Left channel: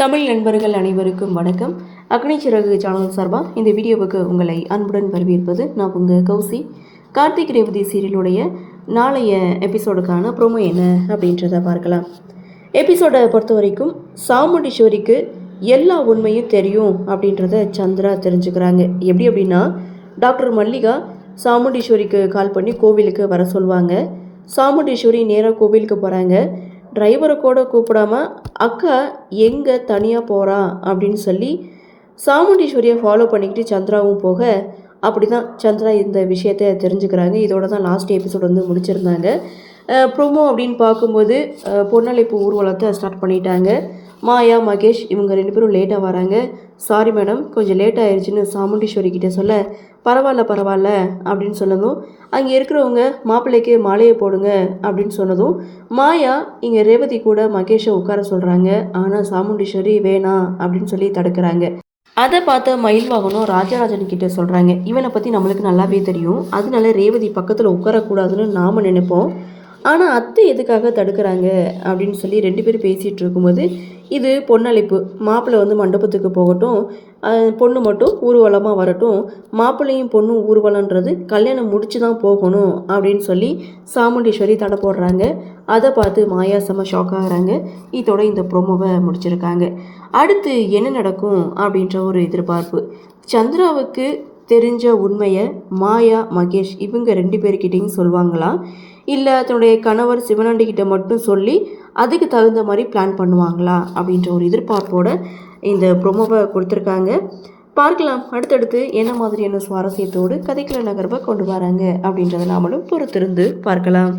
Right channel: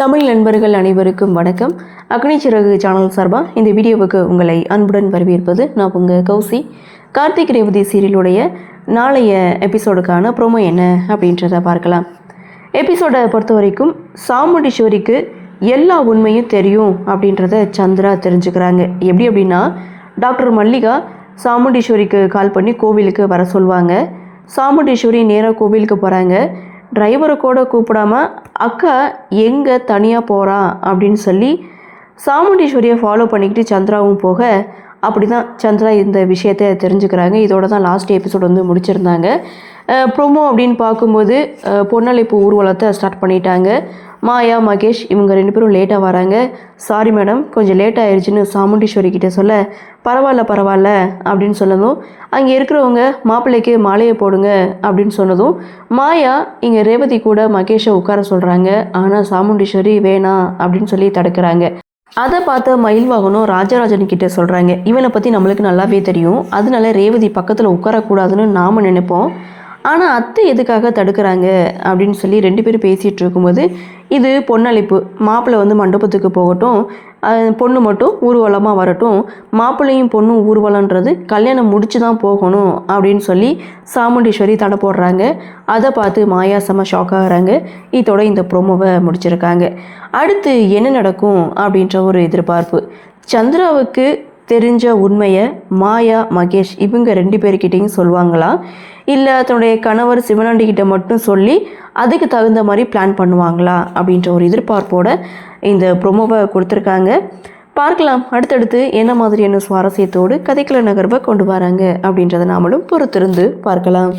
தமிழ் நண்பர்கள் அனைவருக்கும் வணக்கம். அக்னி சிறகு சேனல் சார்பாக இந்த வீடியோவுக்கு உங்களை அன்புடன் வரவேற்பது நான் உங்கள் கௌசி. கார்த்திக் ரேவதி சீரியலுடைய நாளைய எபிசோடுக்கான ப்ரோமோ என்ன அப்படின்றத பார்க்கலாம். எபிசோடை பொறுத்த வரைக்கும் சாமுண்டீஸ்வரிக்கு எல்லா உண்மையும் தெரியும் அப்படின்றத சந்திரா தெரிஞ்சுக்கிறாங்க. எப்படி அப்படின்னா, டாக்டர் மல்லிகா சாமுண்டீஸ்வரிக்கு கால் பண்ணி கோவிலுக்கு வர சொல்லுவாங்க. சாமுண்டீஸ்வரி நேராக கோவிலுக்கு போகிறாங்க. டிரைவரை கூட கூப்பிடாம அக்கா எங்கே தனியாக போகிறா அப்படின்னு சொல்லி சாமுண்டீஸ்வரியை ஃபாலோ பண்ணிக்கிட்டு சந்திராவும் போக, அப்படி தான் சந்திரா இந்த விஷயத்தை தெரிஞ்சுக்கிறாங்க. இதோட தான் லாஸ்ட் எபிசோட் வந்து முடிச்சிருந்தாங்க. ப்ரோமோ அப்படின்னு பார்க்கும்போது பொன்னழைப்பு ஊர்வலத்தை ஸ்டார்ட் பண்ணிட்டாங்க. மாயா, மகேஷ் இவங்க 2 பேரும் லேட்டாக வராங்க. சாரி மேடம், கொஞ்சம் லேட் ஆயிடுச்சுன்னு சாமுண்டீஸ்வரி கிட்டே சொல்ல, பரவாயில்ல அப்படின்னு சொன்னதும், அங்கே இருக்கிறவங்க மாப்பிள்ளைக்கு மாலையை போடுங்க அப்படின்னு சொன்னதும், மாயா இங்கே ரேவதி கூட மகேஷை உட்கார சொல்கிறாங்க. ஆனால் சாமுண்டீஸ்வரி வேணாம் அப்படின்னு சொல்லி தடுக்கிறாங்க. அதை பார்த்த மயில்வாகனும் ராஜராஜன் கிட்டே சொல்கிறாங்க, இவனை பற்றி நம்மளுக்கு நல்லாவே தெரியும், அதனால ரேவதி பக்கத்தில் உட்காரக்கூடாதுன்னு நாம் நினைப்போம், ஆனால் அத்தை எதுக்காக தடுக்கிறாங்க அப்படின்னு சொல்லி 2 பேரும் பேசிகிட்டு இருக்கும்போது, இது பொன்னழைப்பு, மாப்பிள்ளை வந்து மண்டபத்துக்கு போகட்டும், பொண்ணு மட்டும் ஊர்வலமாக வரட்டும், மாப்பிள்ளையும் பொண்ணும் ஊர்வலன்றது கல்யாணம் முடிச்சு தான் போகணும் அப்படின்னு சொல்லி சாமுண்டீஸ்வரி தடை போடுறாங்க. அதை பார்த்து மாயா செம ஷாக் ஆகிறாங்க. இதோட இந்த ப்ரோமோவை முடிச்சிருக்காங்க. அடுத்து என்ன நடக்கும் அப்படின்ற ஒரு எதிர்பார்ப்பு. சந்திராவுக்கு தெரிஞ்ச உண்மையை மாயா, மகேஷ் இவங்க 2 பேர்கிட்டையும் சொல்லுவாங்களா, இல்லை தன்னுடைய கணவர் சிவனாண்டிக்கிட்ட மட்டும் சொல்லி அதுக்கு தகுந்த மாதிரி பிளான் பண்ணுவாங்களா அப்படின்ற ஒரு எதிர்பார்ப்போடு இந்த ப்ரோமோவை கொடுத்துருக்காங்க. பார்க்கலாம் அடுத்தடுத்து என்ன மாதிரியான சுவாரஸ்யத்தோடு கதைக்குள்ள நகர்வை கொண்டு வராங்க அப்படின்றத நாமளும் பொறுத்திருந்து பார்க்கலாம்.